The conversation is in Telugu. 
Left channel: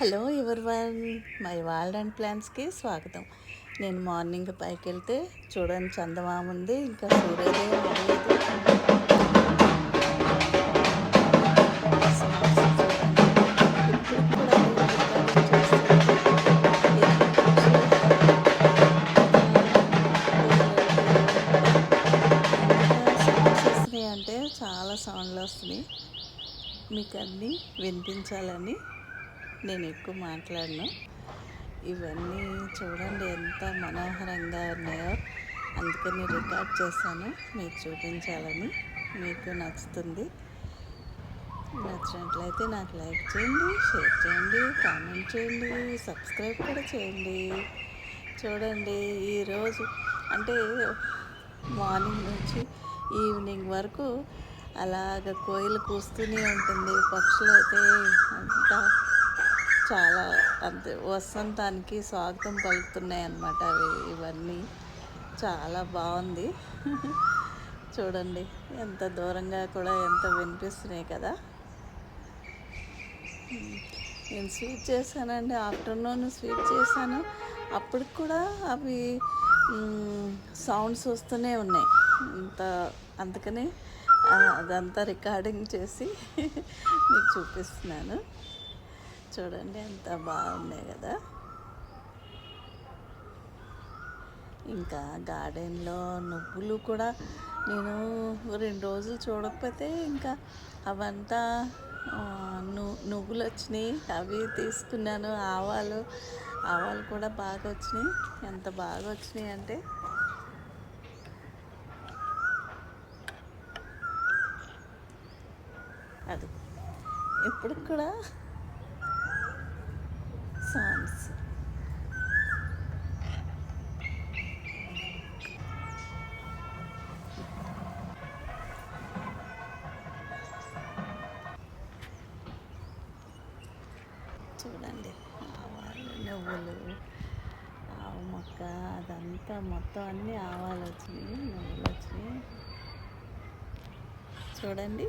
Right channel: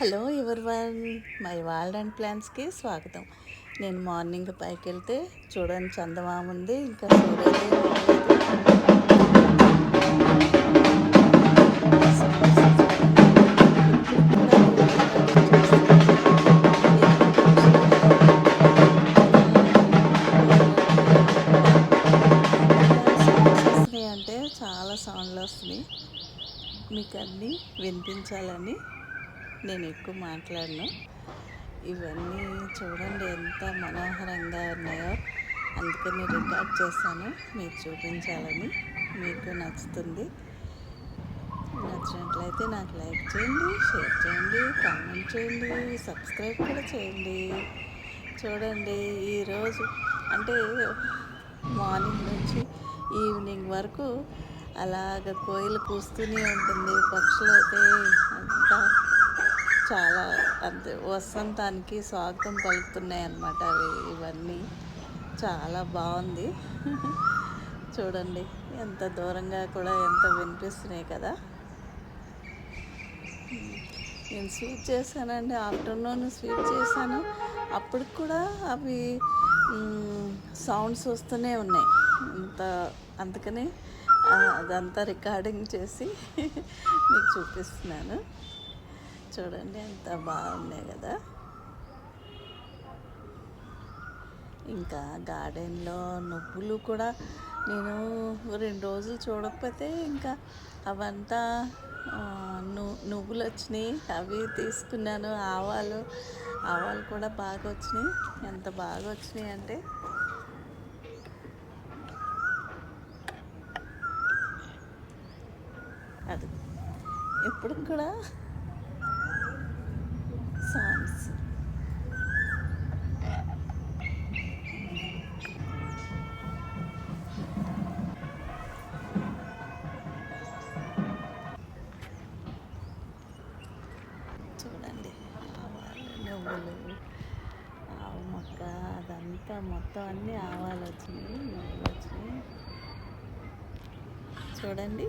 Hello everyone, my world and ప్లాన్స్కి స్వాగతం. నేను మార్నింగ్ పైకి వెళ్తే చూడండి, చందమామ ఉంది, ఇంకా సూర్యోదయం అవ్వలేదు. సాంగ్స్ చూడండి, ఇప్పుడు కూడా నేను రికార్డింగ్ చేస్తుంటే ఎన్ని పక్షులు ఎంత సౌండ్స్ వస్తున్నాయి అంటే చాలా సౌండ్లు వస్తున్నాయి. మీకు అన్నీ వినిపించాలని నేను ఎక్కువ మాట్లాడను. ఇవన్నీ చూడండి ఎంత మనోహరంగా ఉన్నాయో, అందుకని రికార్డ్ చేశాను మీకు చూపించాలని. మీకు నచ్చుతుంది. నచ్చినట్లయితే నాకు లైక్ చేయండి, షేర్ చేయండి, కామెంట్ చేయండి, సబ్స్క్రైబ్ కూడా చేయండి. చూడండి, ఈరోజు అంటే మార్నింగ్ నుంచి ఈవినింగ్ వరకు అలాగ కోయిలు కూస్తూనే ఉంటుంది. పక్షులు అయితే అంతా చాలా అంతే వసంతానికి స్వాగతం పలుకుతున్నాయి అన్నమాట. ఇవన్నీ చాలా బాగుంది. చూడండి ఎంత దూరంగా కూడా ఎంత వినిపిస్తున్నాయి కదా. నేను స్వీట్ చేశానండి, ఆఫ్టర్నూన్ స్వీట్ చేశాను. అప్పటికి కూడా అవి సౌండ్స్ వస్తూనే ఉన్నాయి. అందుకని అదంతా రికార్డింగ్ చేసి మీకు చూపిస్తున్నాను. చూడండి ఎంత బాగున్నాయి కదా. ఇంకా గార్డెన్లో నువ్వులు కూడా నేను 2 రోజులు చూడకపోతే ఇంకా అవంతా నువ్వులు వచ్చినాయి, అవి తీసుకున్నాను. ఆవాలు కూడా బాగా వచ్చినాయి. ఎంత బాగా వచ్చినాయి అంటే అది ఇప్పుడు కూడా సాంగ్స్ చూడండి, ఆవాలు, నువ్వులు, ఆవు మొక్క, అదంతా మొత్తం అన్నీ ఆవాలు వచ్చినాయి, నువ్వులు వచ్చినాయి. చూడండి.